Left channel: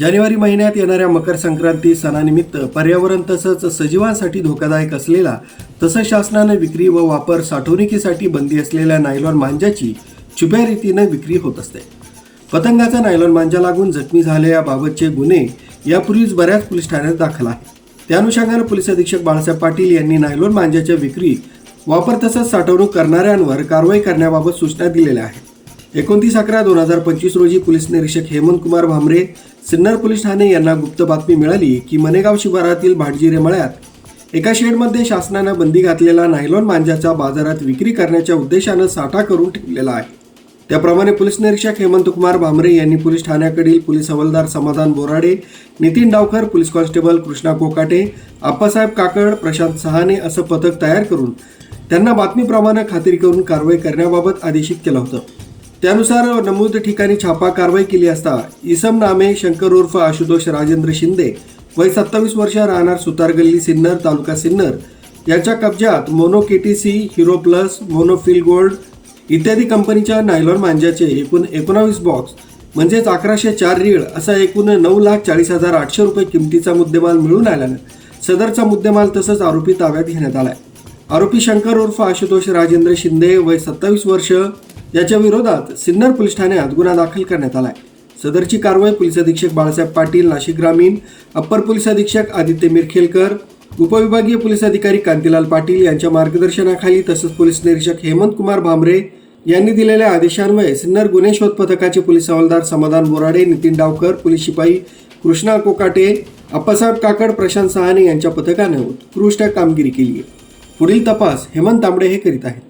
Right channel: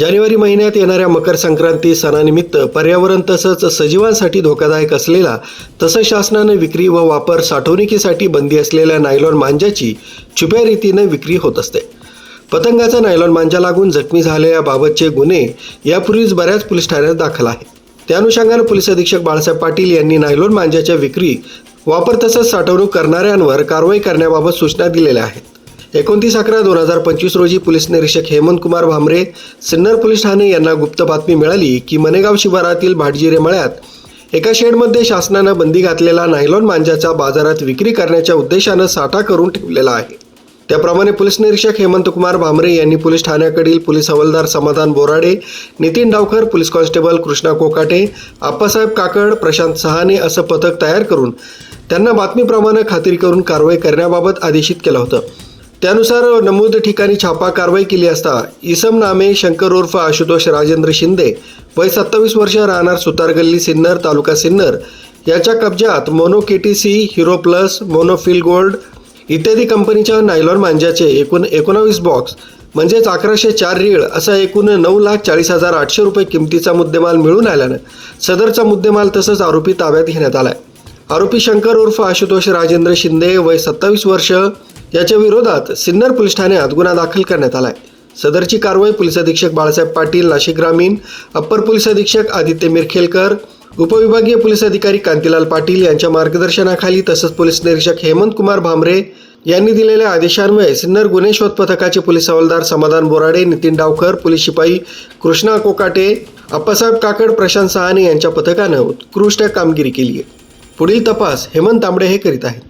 जानेवारी महिन्यात येणाऱ्या मकर संक्रांती सणानिमित्त पर्यावरण तसंच सजीवांसाठी धोकादायक असलेला तसंच शासनाने विक्री व वा वापर साठवणुकीसाठी बंदी असलेल्या नायलॉन मांजाची छुप्या रीतीने विक्री होत असते पतंगाचा नायलॉन मांजा लागून जखमी झाल्याबाबतचे गुन्हे यापूर्वीच बऱ्याच पोलीस ठाण्यात दाखल आहे त्या अनुषंगाने पोलीस अधीक्षक बाळासाहेब पाटील यांनी नायलॉन मांजाच्या विक्री वापर तसंच साठवणूक करणाऱ्यांवर कारवाई करण्याबाबत सूचना दिलेल्या आहेत एकोणतीस अकरा दोन हजार पंचवीस रोजी पोलीस निरीक्षक हेमंत कुमार भामरे सिन्नर पोलीस ठाणे यांना गुप्त बातमी मिळाली की मनेगाव शिवारातील भाटजिरे मळ्यात एका शेडमध्ये शासनानं बंदी घातलेला नायलॉन मांजाचा बाजारात विक्री करण्याच्या उद्देशानं साठा करून ठेवलेला आहे त्याप्रमाणे पोलीस निरीक्षक हेमंत कुमार भामरे यांनी पोलीस ठाण्याकडील पोलीस हवालदार समाधान बोराडे नितीन डावकर पोलीस कॉन्स्टेबल कृष्णा कोकाटे आप्पासाहेब काकड प्रशांत सहाने असं पथक तयार करून त्यांना बातमीप्रमाणे खात्री करून कारवाई करण्याबाबत आदेशित केलं होतं त्यानुसार नमूद ठिकाणी छापा कारवाई केली असता इसम नामे शंकर उर्फ आशुतोष राजेंद्र शिंदे वय सत्तावीस वर्ष राहणार सुतारगल्ली सिन्नर तालुका सिन्नर याच्या कब्जात mono K T C hero plus monofil gold इत्यादी कंपनीच्या नायलॉन मांज्याचे एकूण एकोणावीस बॉक्स म्हणजेच अकराशे चार रीळ असा एकूण नऊ लाख चाळीस हजार आठशे रुपये किमतीचा मुद्देमाल मिळून आल्यानं सदरचा मुद्देमाल तसंच आरोपी ताब्यात घेण्यात आलाय आरोपी शंकर उर्फ आशुतोष राजेंद्र शिंदे वय सत्तावीस वर्ष याच्या विरोधात सिन्नर पोलीस ठाण्यात गुन्हा दाखल करण्यात आलाय सदरची कारवाई पोलीस अधीक्षक बाळासाहेब पाटील नाशिक ग्रामीण अप्पर पोलीस अधीक्षक आदित्य मिरखेलकर उपविभागीय पोलीस अधिकारी कांतीलाल पाटील यांच्या मार्गदर्शनाखाली तसंच पोलीस निरीक्षक हेमंत कुमार भामरे यांनी दिलेल्या आदेशान्वये सिन्नर गुन्हे शोध पथकाचे पोलीस हवालदार समाधान बोराडे नितीन डावकर पोलीस शिपाई कृष्णा कोकाटे अप्पासाहेब काकड प्रशांत सहाने यांच्या पथकानं उत्कृष्ट कामगिरी केली आहे पुढील तपास हेमंत तांबडे हे करीत आहेत